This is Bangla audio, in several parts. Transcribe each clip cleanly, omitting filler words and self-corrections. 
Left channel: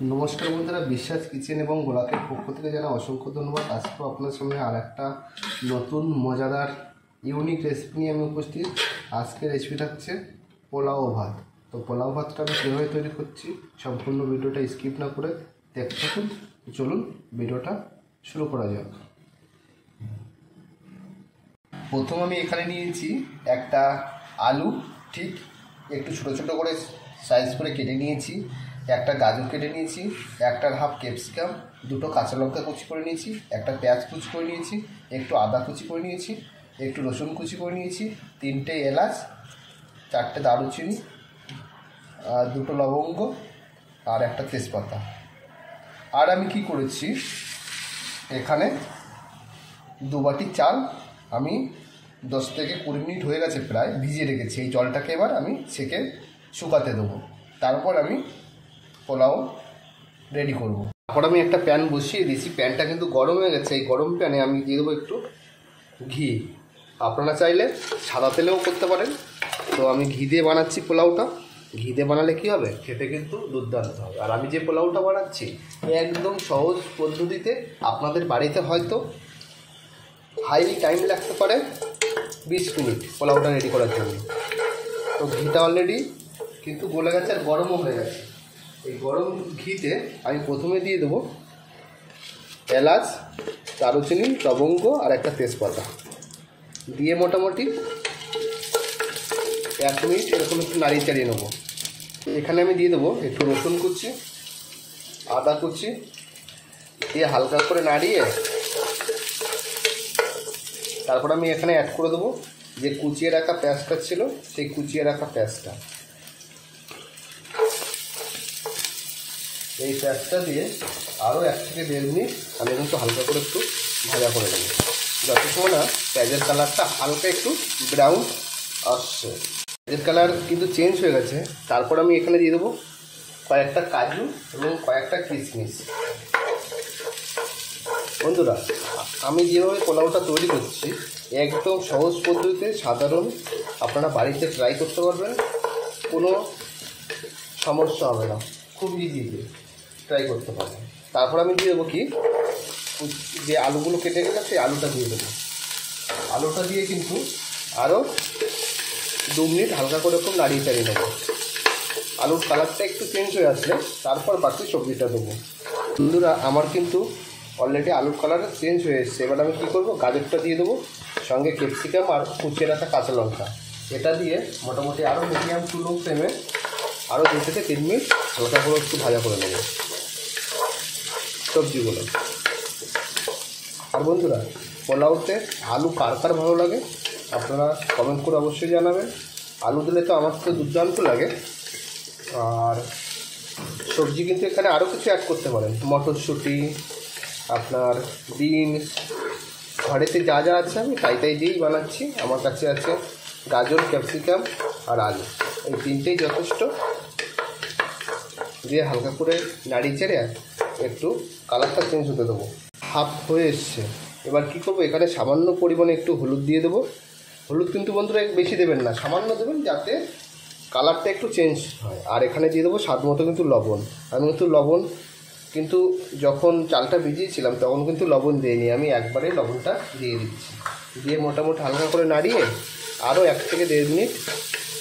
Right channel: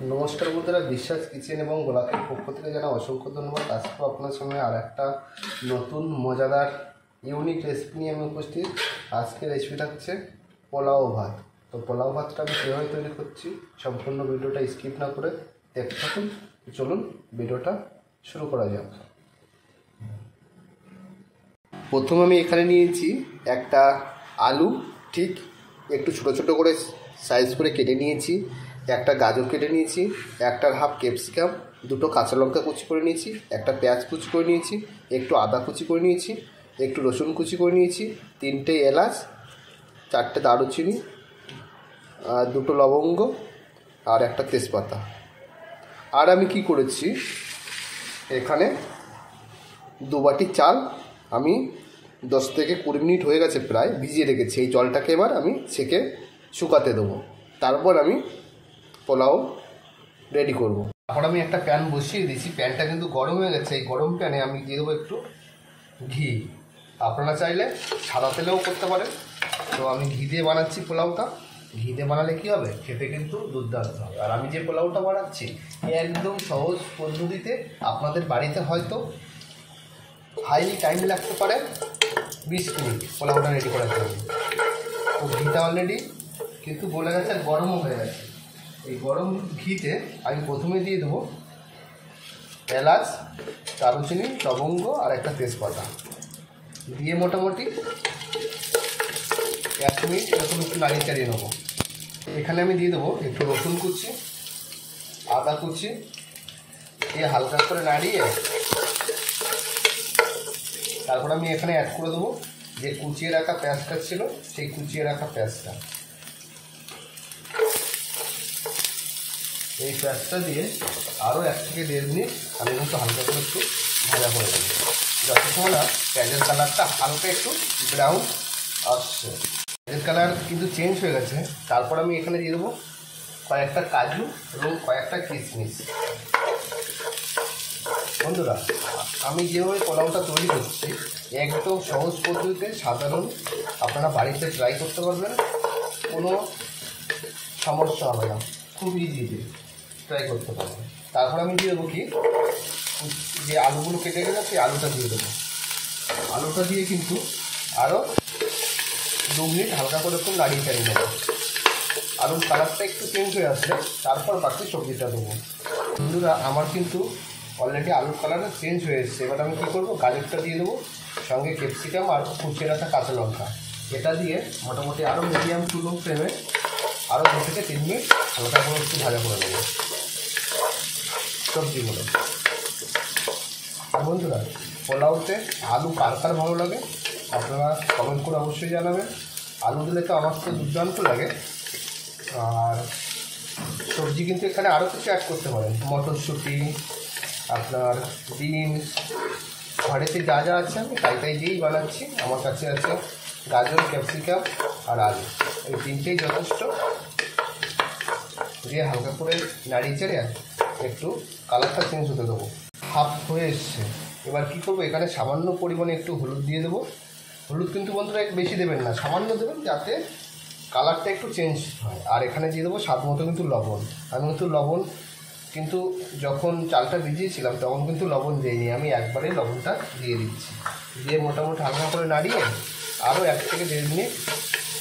नमस्कार बंधुरा विश्वास किचेन और गोलापेर पक्ष থেকে জানা অসংখ্য ধন্যবাদ। আজকে আপনার সামনে আর একটা নতুন মজাদার ইউনিক রেসিপি নিয়ে আমি উপস্থিত। আজকে রেসিপিটা হচ্ছে পোলাও ভাত। তো পোলাও ভাতটা আমি কীভাবে তৈরি করছি সম্পূর্ণ ভিডিওটা স্কিপ না করে দেখতে থাকুন। চলুন ভিডিওটা শুরু করা যাক। প্রথম আমি এখানে নিয়েছি একটা আলু, ঠিক একটু ছোটো ছোটো করে সাইজ করে কেটে নিয়েছি। একটা গাজর কেটে নিয়েছি, একটা হাফ ক্যাপসিকাম, দুটো কাঁচা লঙ্কা কুচি করে নিয়েছি, একটা পেঁয়াজ কুচি করে নিয়েছি, একটু আদা কুচি করে নিয়েছি, একটু রসুন কুচি করে নিয়েছি, 3টে এলাচ, 4টে দারুচিনি, দুটো লবঙ্গ আর একটা তেজপাতা। আর আমি কি করেছি, এখানে 2 বাটি চাল আমি 10 থেকে 20 মিনিট হয়ে গেছে প্রায় ভিজিয়ে রেখেছি। এই জলটাকে এবার আমি ছেঁকে শুকাতে দেবো, তারপর আমি পোলাও রেডি করব। তারপর আমি একটা প্যান বসিয়ে দিয়েছি, প্যানটা কিন্তু গরম হয়ে গেছে। এই গরম প্যানে আমি দিয়ে দেবো একটু ঘি। আপনারা চাইলে সাদা তেলেও করতে পারেন, তো আমি ঘি দিয়ে বানাচ্ছি পোলাওটা। ঘি দিয়ে বানালে কী হবে, খেতে কিন্তু দুর্দান্ত হবে। আর আমি যে পোলাওটা বানাচ্ছি একদম সহজ পদ্ধতিতে, আপনাদের বাড়িতে হয়তো হাইলি টাইম লাগতে পারে 20 মিনিট পোলাওটা রেডি করার জন্য। তো ঘিটা অলরেডি কিন্তু গলে গেছে আর গরমও হয়ে গেছে। এই গরম ঘিতে আমি প্রথমে দিয়ে দেবো এলাচ, দারুচিনি, লবঙ্গ আর একটা তেজপাতা দিয়ে মোটামুটি 1 মিনিট এরকম একটু নাড়িয়ে চাড়িয়ে নেবো। এখানে আমি দিয়ে দেবো একটু রসুন কুচি, আদা কুচি দিয়ে হালকা করে নাড়িয়ে তারপর আমি এখানে অ্যাড করে দেবো যে কুচিয়ে রাখা পেঁয়াজটা ছিল, সেই কুচিয়ে রাখা পেঁয়াজটা। এই পেঁয়াজটা দিয়ে আরও 1 থেকে 1.5 মিনিট আমি কিন্তু হালকা করে একটু ভাজা করে দেবো, যতক্ষণ না পেঁয়াজের কালারটা হালকা একটু ব্রাউন আসছে। পেঁয়াজের কালার কিন্তু চেঞ্জ হয়ে গেছে। তারপর আমি এখানে দিয়ে দেবো কয়েকটা কাজু এবং কয়েকটা কিশমিশ। বন্ধুরা, আমি যেভাবে পোলাওটা তৈরি করছি একদম সহজ পদ্ধতিতে, সাধারণ, আপনারা বাড়িতে ট্রাই করতে পারবেন, কোনো সমস্যা হবে না, খুব ইজিতে ট্রাই করতে পারবেন। তারপর আমি দিয়ে দেবো কি, যে আলুগুলো কেটে গেলে সেই আলুটা দিয়ে দেবো। আলুটা দিয়ে কিন্তু আরও 2 মিনিট হালকা করে একটু নাড়িয়ে চাড়িয়ে নেবো। আলুর কালারটা একটু চেঞ্জ হয়ে আসলে তারপর বাকি সবজিটা দেবো। বন্ধুরা, আমার কিন্তু অলরেডি আলুর কালার চেঞ্জ হয়ে এসছে। এবার আমি কী করবো, গাজরটা দিয়ে দেবো, সঙ্গে ক্যাপসিকাম আর কুচিয়ে রাখা কাঁচা লঙ্কা। এটা দিয়ে মোটামুটি আরও মিডিয়াম টু লো ফ্লেমে আরও 2 থেকে 3 মিনিট হালকা করে একটু ভাজা করে নেবো সবজিগুলো। আর বন্ধুরা, পোলাওতে আলু কার কার ভালো লাগে আপনারা কমেন্ট করে অবশ্যই জানাবেন। আলু দিলে তো আমার তো দুর্দান্ত লাগে। আর সবজি কিন্তু এখানে আরও কিছু অ্যাড করতে পারেন, মটরশুঁটি, আপনার বিনস, ঘরেতে যা যা আছে আমি তাই দিয়েই বানাচ্ছি। আমার কাছে আছে গাজর, ক্যাপসিকাম আর আলু, এই 3টেই যথেষ্ট। দিয়ে হালকা করে নাড়িয়ে চেড়ে একটু কালারটা চেঞ্জ হতে দেবো। হাফ হয়ে এসছে। এবার কী করবো, এখানে সামান্য পরিমাণে একটু হলুদ দিয়ে দেবো। হলুদ কিন্তু বন্ধুরা বেশি দেবেন না, সামান্য দেবেন যাতে কালারটা একটু চেঞ্জ হয়। আর এখানে দিয়ে দেবো স্বাদ মতো কিন্তু লবণ। আমি কিন্তু লবণ কিন্তু যখন চালটা ভিজিয়েছিলাম তখন কিন্তু লবণ দিইনি, আমি একবারে লবণটা দিয়ে দিচ্ছি। দিয়ে মোটামুটি হালকা করে নাড়িয়ে আরও 1 থেকে 1.5 মিনিট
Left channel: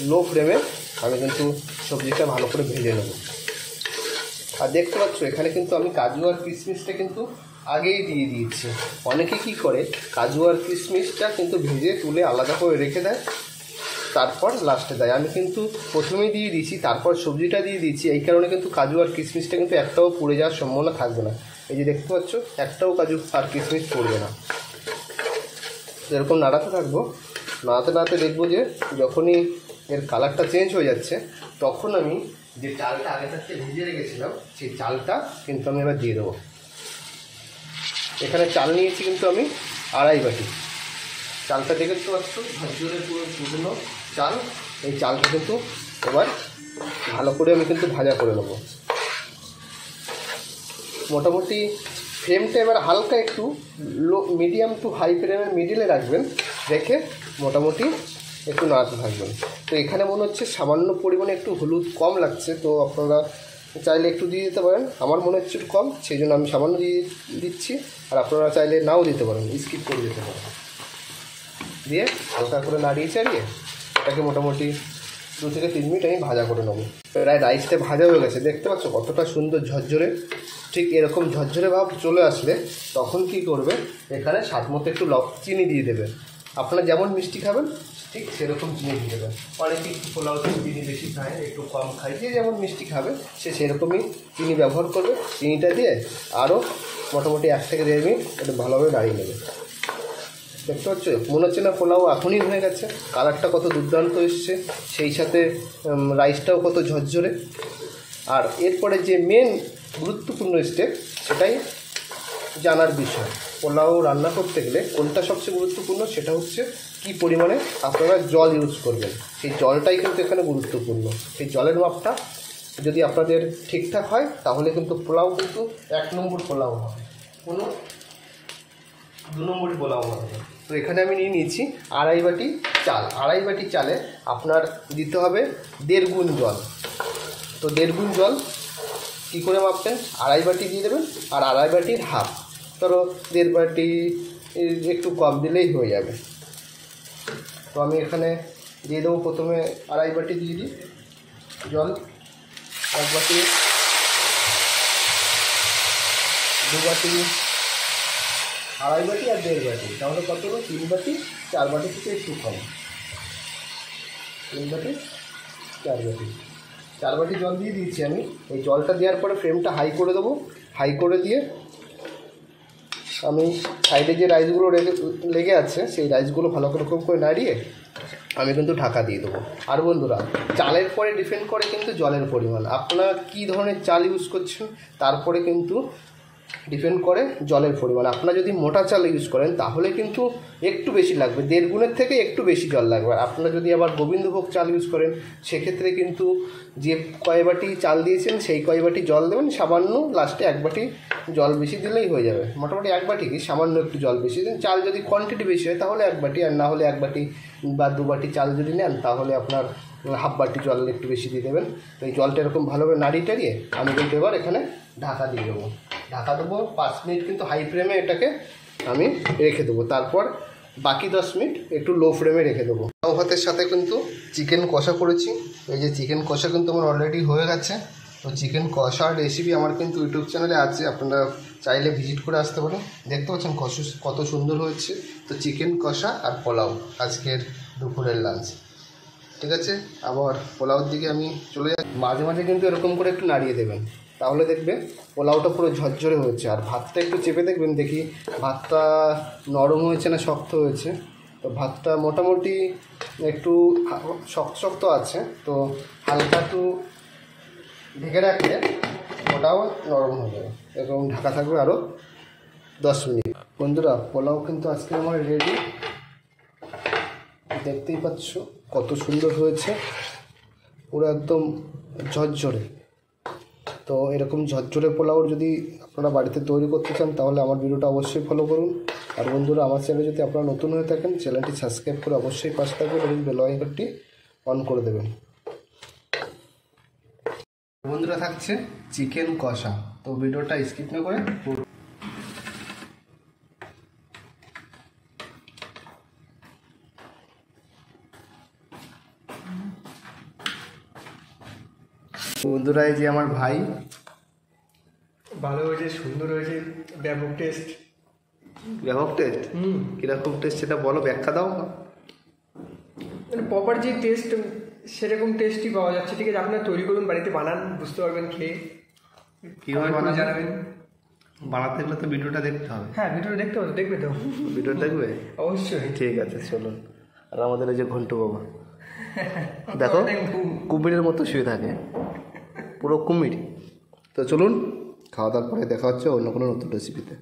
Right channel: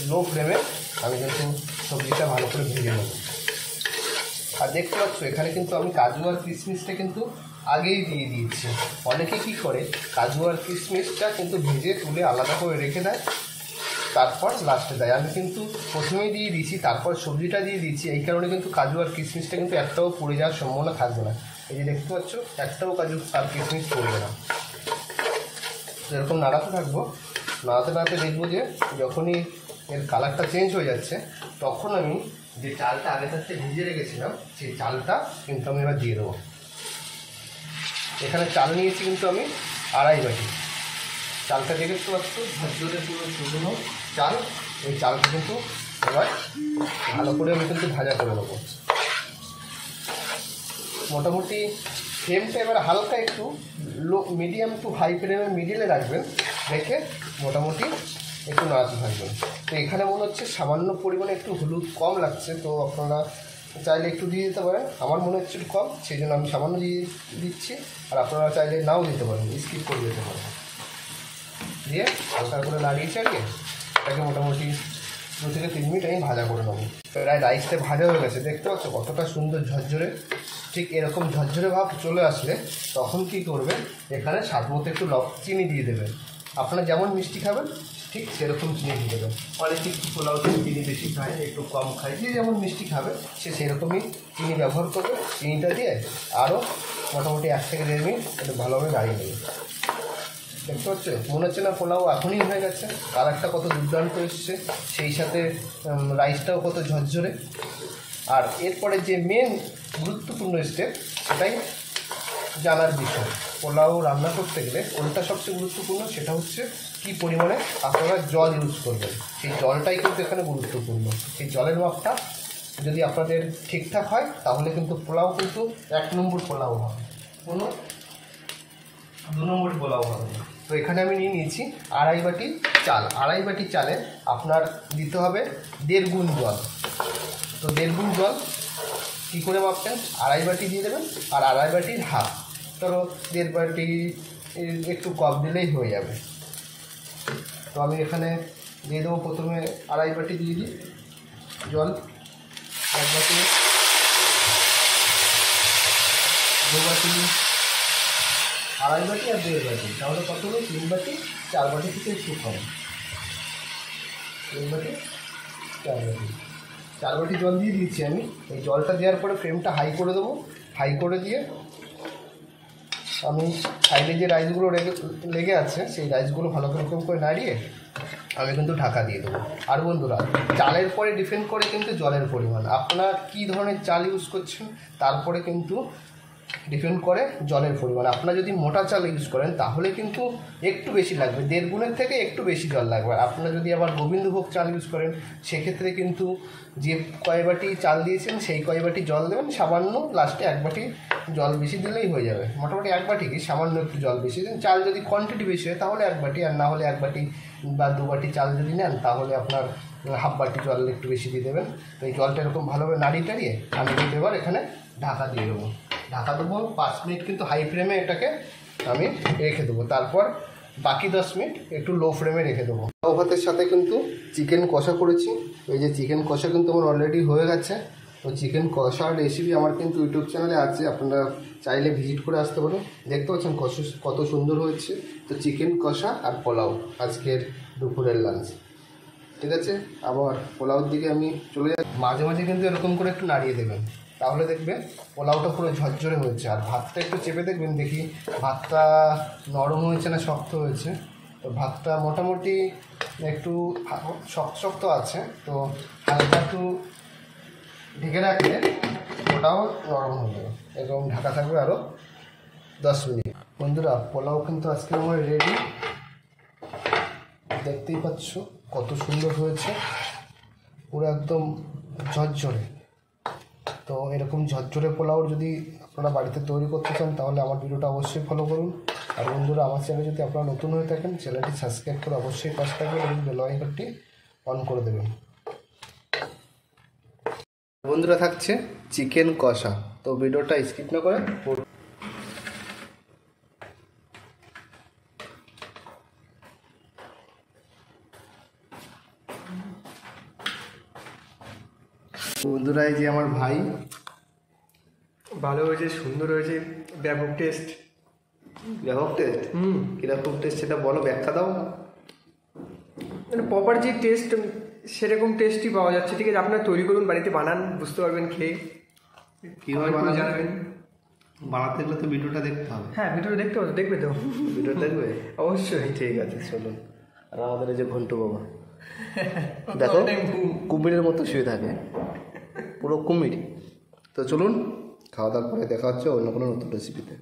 লো ফ্লেমে আমি কিন্তু সবজিটা ভালো করে ভেজে নেব। আর দেখতে পাচ্ছ এখানে কিন্তু আমি কাজু আর কিশমিশটা কিন্তু আগেই দিয়ে দিয়েছি। অনেকে কী করে, কাজু আর কিশমিশটা কিন্তু ভেজে তুলে আলাদা করে রেখে দেয়, তারপর লাস্টে দেয়। আমি কিন্তু প্রথমেই দিয়ে দিয়েছি, তারপর সবজিটা দিয়ে দিয়েছি। এই কারণে কিন্তু কাজু আর কিশমিশটা কিন্তু একটাও পুড়ে যাওয়ার সম্ভাবনা থাকবে না। এই যে দেখতে পাচ্ছ, একটাও কাজু আর কিশমিশ পড়বে না। এরকম নাড়াতে থাকবো, নাড়াতে নাড়াতে দেখবো যে যখনই এর কালারটা চেঞ্জ হয়ে যাচ্ছে তখন আমি যে চালটা আগে থাকতে ভিজিয়ে রেখেছিলাম সেই চালটা কিন্তু আমি এবার দিয়ে দেবো। এখানে চাল নিয়েছি কিন্তু আমি 2.5 বাটি। চালটা দেখতে পাচ্ছ ঝরঝরে পুরো শুকনো চাল। এই চালটা কিন্তু এবার ভালো করে আমি কিন্তু ভাজা করে নেবো। মোটামুটি ফ্লেমটা এবার হালকা একটু লো, মিডিয়াম টু হাই ফ্লেমের মিডিলে রাখবেন, রেখে মোটামুটি একটু নাড়াতে থাকবেন। তো এখানে মনে হচ্ছে সামান্য পরিমাণে একটু হলুদ কম লাগছে, তো আপনারা চাইলে একটু দিয়ে দিতে পারেন, আমার মনে হচ্ছে একটু কম, সেই জন্য আমি সামান্য দিয়ে দিচ্ছি। আর আপনারা চাইলে নাও দিতে পারেন, স্কিপ করে দিতে পারেন। দিয়ে হালকা করে নাড়িয়ে চাড়িয়ে এটাকে মোটামুটি 2 থেকে 3 মিনিট আমি ভাজা করে নেবো। প্রায় রাইসটা ভাজা হয়ে গেছে, দেখতে পাচ্ছ কতটা সুন্দর ঝরঝরে। ঠিক এরকম ঝরঝরে ভাব চলে আসলে তখন কি করবে, এখানে স্বাদ মতো একটু চিনি দিয়ে দেবেন। আপনারা যেমন মিষ্টি খাবেন ঠিক সেরকম চিনি দিয়ে দেবেন। অনেকে পোলাও চিনি বেশি খায়, একটু কম খায়, যে যেমন মিষ্টি খাবে সে সেরকমই চিনি ব্যবহার করবে। চিনিটা দিয়ে আরও মোটামুটি 1 থেকে 1.5 মিনিট একটু ভালোভাবে নাড়িয়ে নেবে। দেখতে হচ্ছে মনে হচ্ছে না পোলাও এখনই হয়ে গেছে, কালারটা কত দুর্দান্ত এসছে, সেই সাথে রাইসটাও কত ঝরঝরে। আর এরপরে যে মেন গুরুত্বপূর্ণ স্টেপ সেটাই জানার বিষয়। পোলাও রান্না করতে গেলে কোনটা সবচেয়ে গুরুত্বপূর্ণ, সেটা হচ্ছে কী পরিমাণে আপনারা জল ইউজ করবেন। সেই জলটাই কিন্তু এখানে গুরুত্বপূর্ণ। সেই জলের মাপটা যদি আপনাদের ঠিকঠাক হয় তাহলে কিন্তু পোলাও কিন্তু 1 নম্বর পোলাও হবে, কোনো 2 নম্বর পোলাও হবে। তো এখানে আমি নিয়ে নিয়েছি 2.5 বাটি চাল। 2.5 বাটি চালে আপনার দিতে হবে 1.5 গুণ জল। তো 1.5 গুণ জল কী করে মাপবেন, 2.5 বাটি দিয়ে দেবেন, আর 2.5 বাটির হাফ, ধরো 1.5 বাটি একটু কম দিলেই হয়ে যাবে। তো আমি এখানে দিয়ে দেবো প্রথমে 2.5 বাটি দিয়ে দিই জল, 1 বাটি, 2 বাটি, 2.5 বাটি আর 1.5 বাটি, তাহলে কত হলো 3 বাটি, 4 বাটি থেকে একটু কম, 3 বাটি 4 বাটি, 4 বাটি জল দিয়ে দিয়েছি আমি। এই জলটা দেওয়ার পরে ফ্লেমটা হাই করে দেবো। হাই করে দিয়ে আমি সাইডে যে রাইসগুলো লেগে আছে সেই রাইসগুলো ভালো রকম করে নাড়িয়ে আমি কিন্তু ঢাকা দিয়ে দেবো। আর বন্ধুরা, চালের পরে ডিপেন্ড করে কিন্তু জলের পরিমাণ, আপনারা কী ধরনের চাল ইউজ করছেন তারপরে কিন্তু ডিপেন্ড করে জলের পরিমাণ। আপনারা যদি মোটা চাল ইউজ করেন তাহলে কিন্তু একটু বেশি লাগবে, 1.5 গুণের থেকে একটু বেশি জল লাগবে। আপনারা যদি আবার গোবিন্দভোগ চাল ইউজ করেন সেক্ষেত্রে কিন্তু যে কয় বাটি চাল দিয়েছেন সেই কয় বাটি জল দেবেন, সামান্য লাস্টে 1 বাটি জল বেশি দিলেই হয়ে যাবে। মোটামুটি 1 বাটি কি সামান্য একটু জল বেশি দিন, চাল যদি কোয়ান্টিটি বেশি হয় তাহলে 1 বাটি, আর না হলে 1 বাটি বা 2 বাটি চাল যদি নেন তাহলে আপনার হাফ বাটি জল একটু বেশি দিয়ে দেবেন। তো এই জলটা এরকম ভালোভাবে নাড়িয়ে টাড়িয়ে আমি কিন্তু এবার এখানে ঢাকা দিয়ে দেবো। ঢাকা দেবো 5 মিনিট কিন্তু হাই ফ্লেমে এটাকে আমি রেখে দেবো। তারপর বাকি 10 মিনিট একটু লো ফ্লেমে রেখে দেবো। পোলাও ভাতের সাথে কিন্তু চিকেন কষা করেছি। এই যে চিকেন কষা কিন্তু আমার অলরেডি হয়ে গেছে। তো চিকেন কষার রেসিপি আমার কিন্তু ইউটিউব চ্যানেলে আছে, আপনারা চাইলে ভিজিট করে আসতে পারেন। দেখতে পাচ্ছেন কত সুন্দর হয়েছে। তো চিকেন কষা আর পোলাও আজকের দুপুরের লাঞ্চ। ঠিক আছে, আবার পোলাওর দিকে আমি চলে যাই। মাঝে মাঝে কিন্তু এরকম করে একটু নাড়িয়ে দেবেন, তাহলে দেখবে পোলাওটা পুরো ঝরঝরে হয়েছে। আর ভাতটা একটু চেপে দেখবেন, দেখি ভাতটা নরম হয়েছে না শক্ত হয়েছে। তো ভাতটা মোটামুটি একটু শক্ত শক্ত আছে, তো হালকা একটু ঢেকে রাখলে ওটাও নরম হয়ে যাবে। এবং ঢাকা থাকবে আরও 10 মিনিট। বন্ধুরা, পোলাও কিন্তু আজকে আমার রেডি, দেখতেই পাচ্ছ কত সুন্দর হয়েছে, পুরো একদম ঝরঝরে। তো এরকম ঝরঝরে পোলাও যদি আপনারা বাড়িতে তৈরি করতে চান তাহলে আমার ভিডিওটা অবশ্যই ফলো করুন। আর বন্ধুরা, আমার চ্যানেলে যদি আপনারা নতুন হয়ে থাকেন চ্যানেলটি সাবস্ক্রাইব করে অবশ্যই পাশে থাকবেন এবং বেল আইকনটি অন করে দেবেন। বন্ধুরা, থাকছে চিকেন কষা, তো ভিডিওটা স্কিপ না করে বন্ধুরা, এই যে আমার ভাই, ভালো হয়েছে, সুন্দর হয়েছে, ব্যাপক টেস্ট। ব্যাপক টেস্ট? কিরকম টেস্ট সেটা বলো, ব্যাখ্যা দাও। মানে প্রপার যে টেস্ট সেরকম টেস্টই পাওয়া যাচ্ছে। ঠিক আছে, আপনারা তৈরি করুন, বাড়িতে বানান, বুঝতে পারবেন খেয়ে। কীভাবে জানাবেন? বানাতে গেলে তো ভিডিওটা দেখতে হবে। হ্যাঁ, ভিডিওটা দেখতে হবে, দেখবে তো? ভিডিও দেখবে অবশ্যই। ঠিক আছে, চলুন। আর আমাদের এই যে ঘন্টু বাবা, দেখো কুমিরের মতো শুয়ে থাকে, পুরো কুমির। তো চলুন, খাওয়া দাওয়ার পরে দেখা হচ্ছে অন্য কোনো নতুন রেসিপিতে।